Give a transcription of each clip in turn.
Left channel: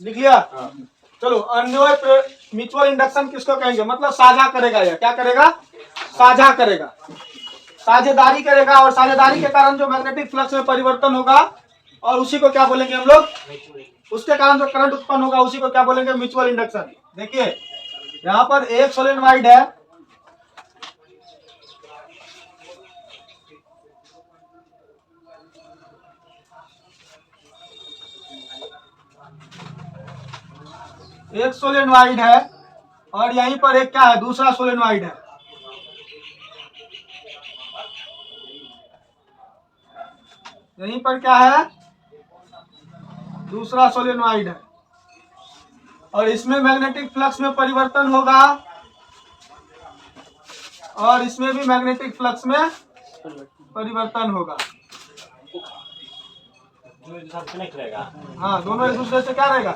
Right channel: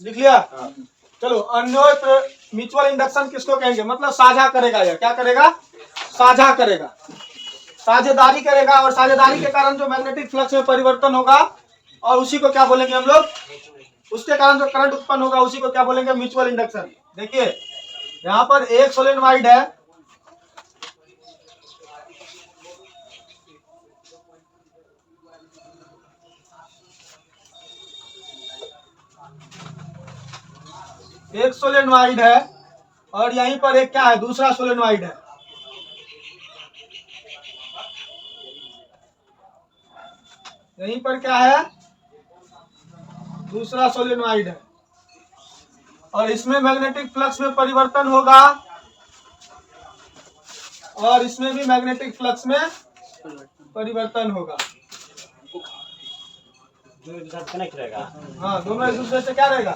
लिख लिया। चलो, अन्योन्य म्यूचुअल इंडक्शन किसको कहेंगे? मतलब साझा करेगा। या क्या करेगा? साझा करेगा, साझेदारी करेगा। और साझेदारी के कारण जो मैग्नेटिक फ्लक्स में परिवर्तन होगा, और उसी को क्या बोलेंगे हम लोग? उसके कारण जो करंट उत्पन्न होगा उसी को क्या बोलेंगे? Mutual induction. देखिए यहाँ पर एक सोलेनोइड है, एक सोलेनोइड है, और यहीं पर एक क्या है? दूसरा सोलेनोइड है। यहीं पर क्या है? दूसरा सोलेनोइड है, और इसमें मैग्नेटिक फ्लक्स में परिवर्तन होगा, और इसमें भी मैग्नेटिक फ्लक्स में परिवर्तन होगा। कनेक्ट रहेगा। हाँ, दोनों एक दूसरे से क्या रहेगा?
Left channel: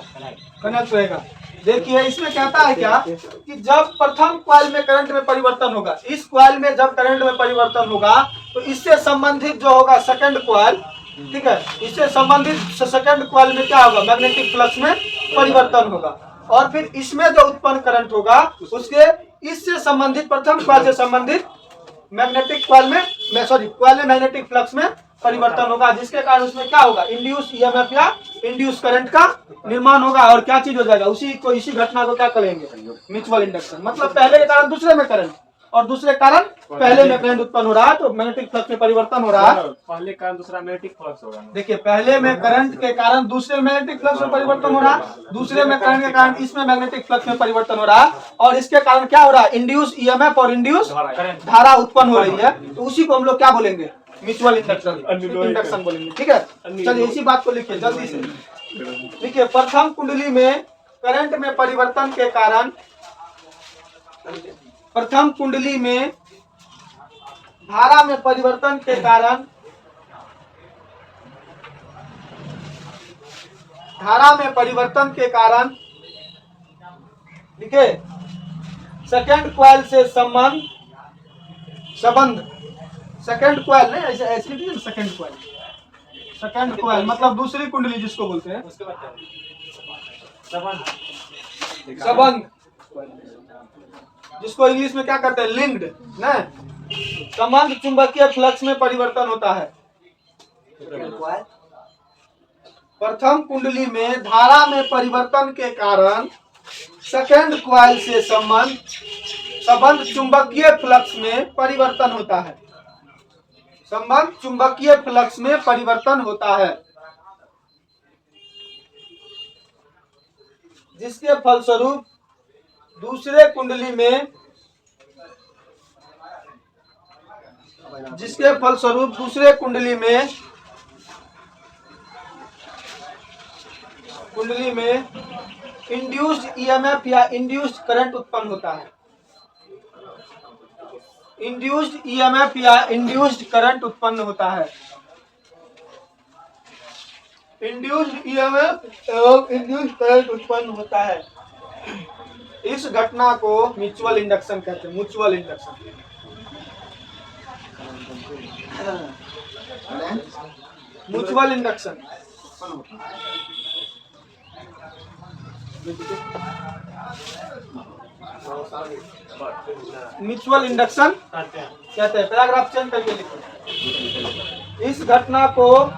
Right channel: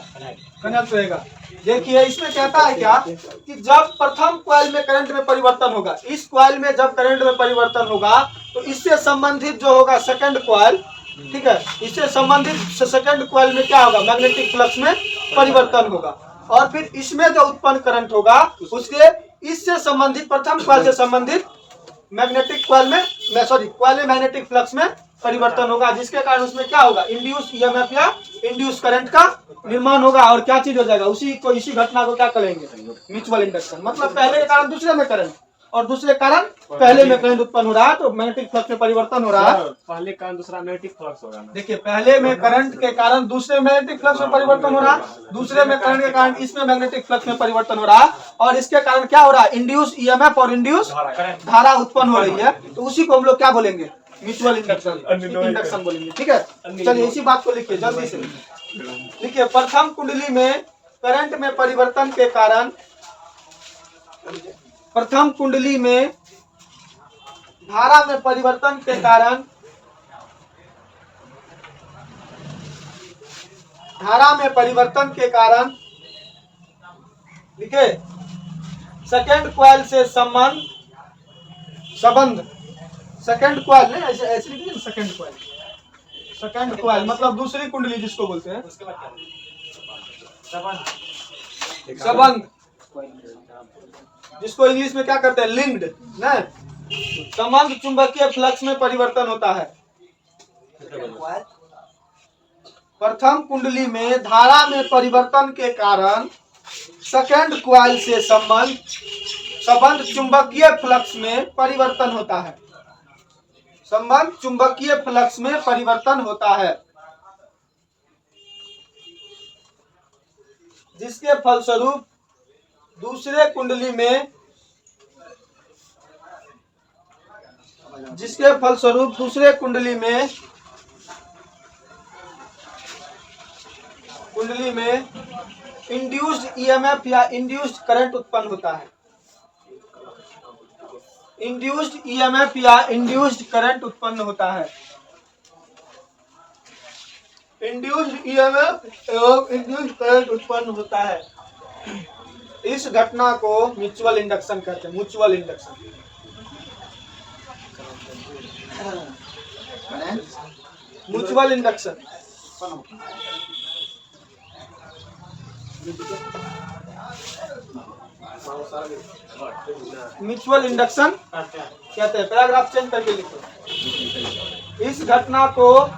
कनेक्ट रहेगा। देखिए इसमें कहता है क्या कि जब प्रथम कॉइल में करंट में परिवर्तन होगा, इस कॉइल में जब करंट में परिवर्तन होगा तो इससे संबंधित जो होगा सेकंड कॉइल, ठीक है, इससे संबंधित सेकंड कॉइल में क्या होगा? मैग्नेटिक फ्लक्स में परिवर्तन होगा। और फिर इसमें जो उत्पन्न करंट होगा उसके इससे संबंधित प्रथम कॉइल से संबंधित मैग्नेटिक कॉइल में सॉरी कॉइल में मैग्नेटिक फ्लक्स में परिवर्तन होगा, जिसके कारण उसमें क्या होगा? इंड्यूस ईएमएफ या इंड्यूस करंट का निर्माण होगा। और क्या चीज हो जाएगा? इसी घटना को क्या कहेंगे? Mutual induction. मतलब पहले के कारण दूसरे में करंट, और दूसरे कारण पहले में करंट उत्पन्न हो रहा है, तो मैग्नेटिक फ्लक्स में परिवर्तन हो रहा है। पहले कारण दूसरा मैग्नेटिक फ्लक्स होगा। देखिए पहले में करंट के कारण दूसरे मैग्नेटिक फ्लक्स में परिवर्तन हो रहा है, दूसरे में करंट के कारण इसमें मैग्नेटिक फ्लक्स में परिवर्तन हो रहा है, और इसके कारण क्या हो रहा है? इंड्यूस ईएमएफ और इंड्यूस धारा उत्पन्न हो रही है। तो उसी को हम लोग क्या बोलेंगे? म्यूचुअल इंडक्शन बोलेंगे। ठीक है, चलिए इसी बात को लिखिए जल्दी से। लिखिए प्रथम कुंडली में करंट में परिवर्तन के कारण, प्रथम कुंडली में धारा में परिवर्तन के कारण, धारा में परिवर्तन के कारण, लिखे सेकेंड कॉइल से संबंध सेकेंड कॉइल नहीं, ऐसे ऐसे लिखिए सेकेंड कॉइल। सेकेंड कॉइल मतलब दूसरी कुंडली जिसको बोलते हैं, संबंध, जिसको इंग्लिश में क्या करते हैं? लिंक्ड ना। संबंध चुंबकीय फ्लक्स में परिवर्तन होता है। प्रथम कुंडली में धारा में परिवर्तन के कारण सेकेंड कॉइल से संबंध चुंबकीय फ्लक्स में परिवर्तन होता है। संबंध चुंबकीय फ्लक्स में परिवर्तन होता है, जिसके फलस्वरूप दूसरे कुंडली में इंड्यूस्ड ईएमएफ या इंड्यूस्ड करंट उत्पन्न होता है। इंड्यूस्ड ईएमएफ या इंड्यूस्ड करंट उत्पन्न होता है। इंड्यूस्ड ईएमएफ एवं इंड्यूस्ड करंट उत्पन्न होता है। इस घटना को म्यूचुअल इंडक्शन कहते हैं। Mutual induction, mutual induction. Mutual induction कहते हैं। पैराग्राफ चेंज करके लिखो। इस घटना को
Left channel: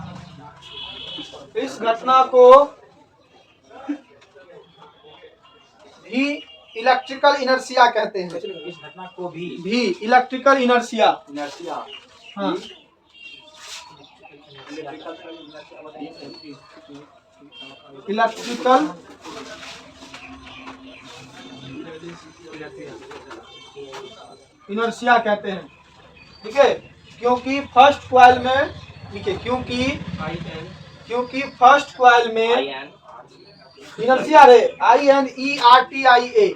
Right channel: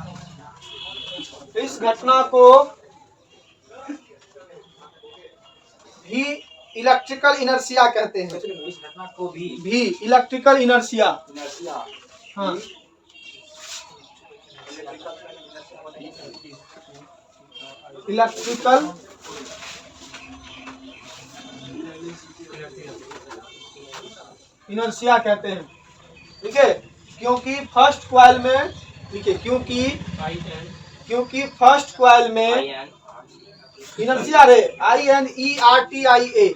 भी इलेक्ट्रिकल इनर्शिया कहते हैं। इस घटना को भी इलेक्ट्रिकल इनर्शिया। हाँ, इलेक्ट्रिकल इनर्शिया कहते हैं। ठीक है, क्योंकि फर्स्ट कॉइल में, देखिए क्योंकि फर्स्ट कॉइल में इनर्शिया रे INERTIA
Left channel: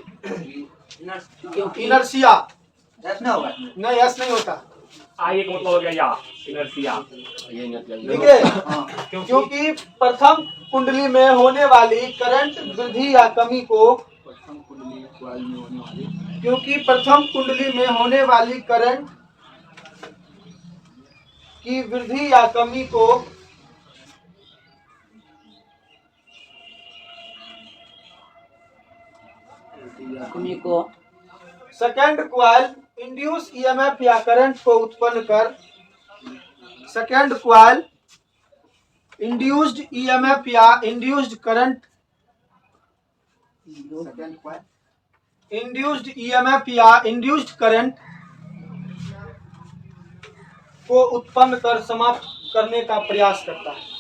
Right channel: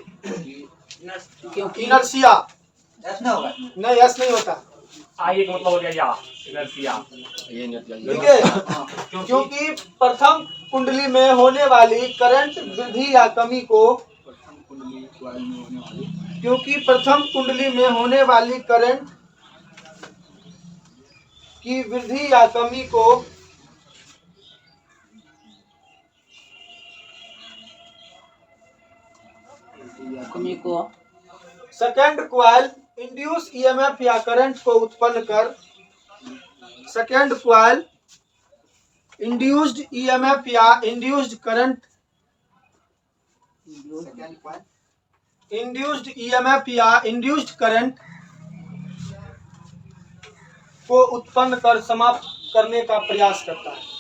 इनर्शिया नहीं, यस नहीं होता। आई मतलब हो गया या इनर्शिया। ठीक है, क्योंकि प्रथम कुंडली में होने वाली करंट वृद्धि या कमी को, क्योंकि प्रथम कुंडली में होने वाली करंट की वृद्धि या कमी को सेकेंड क्वाइल इंड्यूस ईएमएफ या करंट को उत्पन्न कर सेकेंड क्वाइल इंड्यूस्ड ईएमएफ या इंड्यूस्ड करंट इंड्यूस्ड ईएमएफ या इंड्यूस्ड करंट को उत्पन्न कर समाप्त करने का प्रयास करता है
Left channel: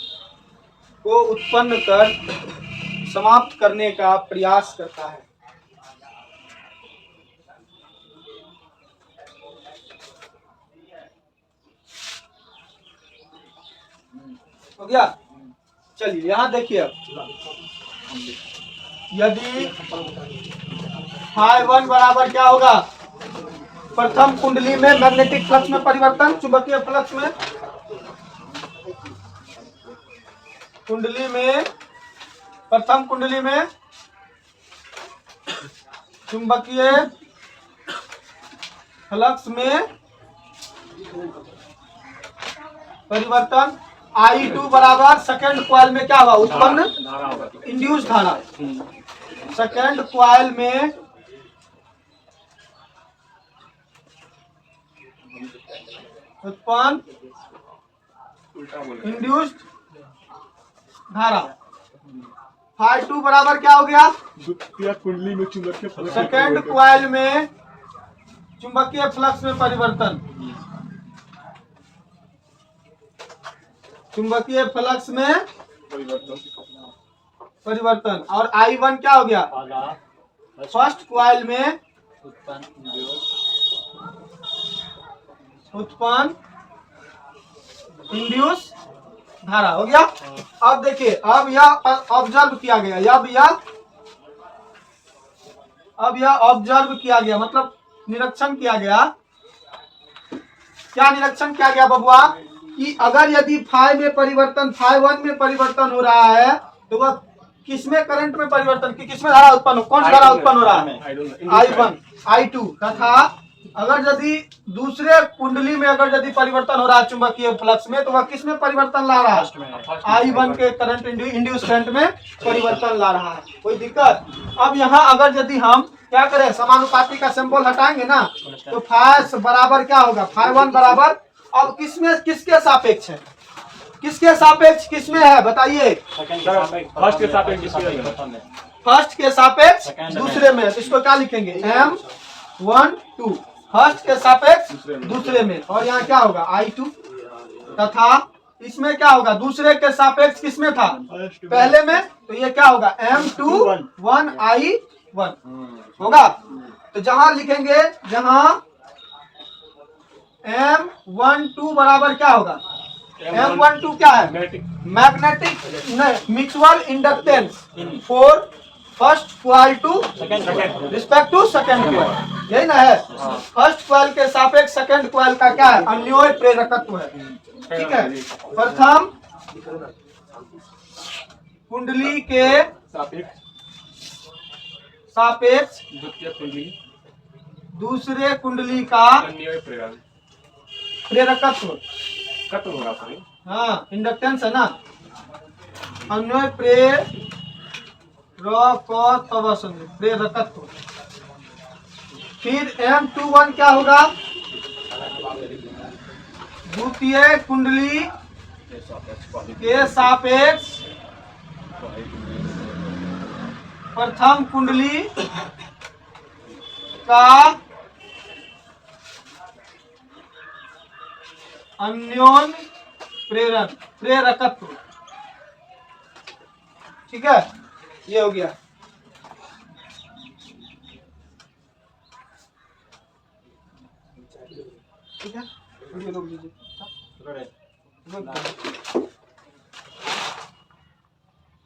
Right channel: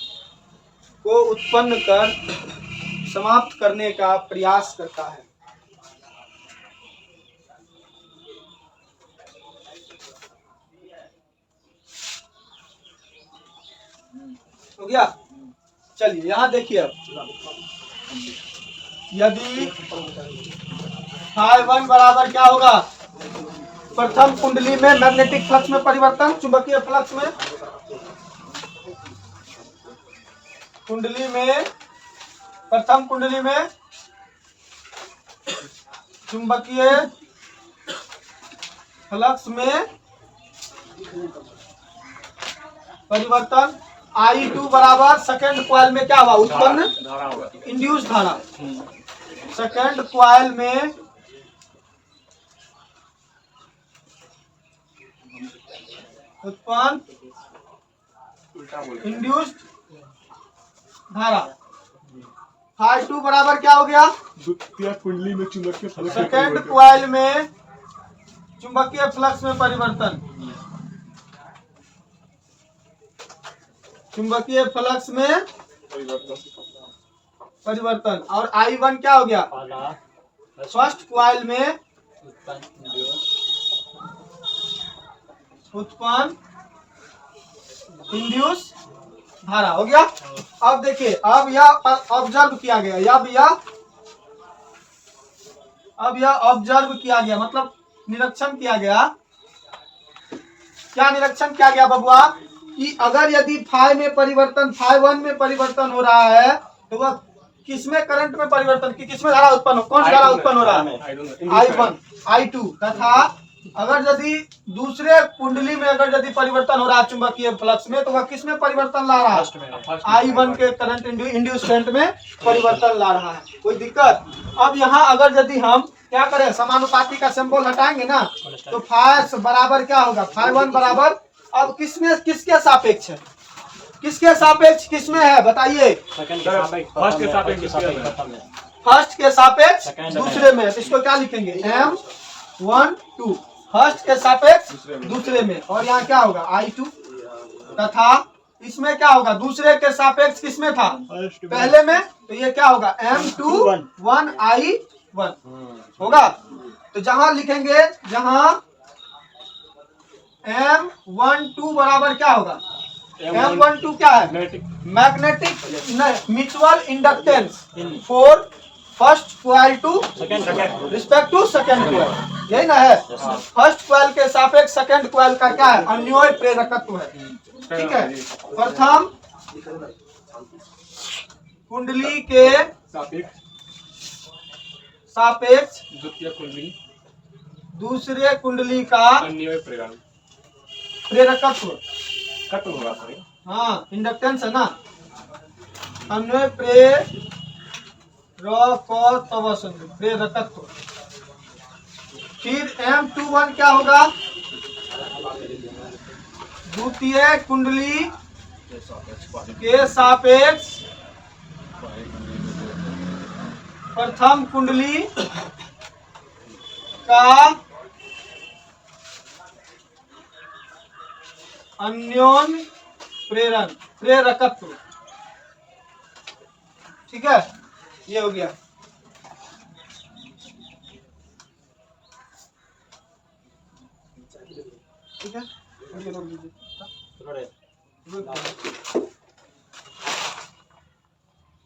को उत्पन्न कर समाप्त करने का प्रयास करता है। हो गया। चलिए यहाँ देखिए अब यदि φ1 बराबर क्या होगा, प्रथम कुंडली में मैग्नेटिक फ्लक्स में परिवर्तन, चुंबकीय फ्लक्स में प्रथम कुंडली में चुंबकीय फ्लक्स में परिवर्तन। I2 बराबर सेकेंड क्वाइल में क्या हुआ, उत्पन्न धारा होगा। इंड्यूस धारा। सेकेंड क्वाइल में उत्पन्न उल्टा बोले। इंड्यूस्ड धारा। φ2 बराबर क्या हो गया, द्वितीय कुंडली में चुंबकीय फ्लक्स सेकेंड क्वाइल में चुंबकीय फ्लक्स में परिवर्तन। चुंबकीय फ्लक्स में परिवर्तन। और I1 क्या हो गया, फर्स्ट क्वाइल में उत्पन्न इंड्यूस धारा। हो गया। अब देखिए, अब यह ऑब्जर्व किया गया, अब यह ऑब्जर्व किया गया, मतलब निरीक्षण किया गया। क्या निरीक्षण किया गया बबुआ, कि अगर यदि φ में परिवर्तन φ1 में परिवर्तन हो रहा है तो वह किसमें करंट में परिवर्तन की किसमें धारा उत्पन्न हो, कौन सी धारा उत्पन्न हो रहा है, I1 I2 तथा अगर यदि दूसरे कुंडली में अगर यदि परिवर्तन हो रहा है चुंबकीय फ्लक्स में तो वह किसमें परिवर्तन ला रहा है, I1 के करंट इंड्यूस करंट में परिवर्तन ला रहा है। कोई दिक्कत। अब यहाँ अगर यदि हम क्या करें, समानुपाती का सिंबल हटाएंगे ना तो φ बराबर क्या होगा, φ1 बराबर अब किसमें किसके सापेक्ष है, किसके सापेक्ष किसमें है बताइए, फर्स्ट के सापेक्ष फर्स्ट के सापेक्ष दूसरे में। तो इसको क्या लिखेंगे, M1 2 फर्स्ट के सापेक्ष दूसरे में। और यहाँ क्या होगा I2 तथा इसमें क्या होगा, दूसरे के सापेक्ष किसमें था, पहले में। तो ये क्या होगा, M2 1 I1 होगा। तो जहां लिखेंगे, जहां M12 बराबर क्या होगा, M12 क्या है, magnetic mutual inductance for first coil to respect to second coil, यही ना है। फर्स्ट क्वाइल के सापेक्ष सेकेंड क्वाइल का क्या है, अन्योन्य प्रेरकत्व है। ठीक है। प्रथम कुंडली के सापेक्ष द्वितीय कुंडली दूसरे कुंडली का अन्योन्य प्रेरण प्रेरकत्व, खत्म होगा अपने। हाँ इंडक्टेंस है ना, अन्योन्य प्रेरकत्व। फिर M21 क्या होगा, द्वितीय कुंडली के सापेक्ष प्रथम कुंडली का अन्योन्य प्रेरकत्व। ठीक है, ये हो गया। ठीक है, रोक दीजिए।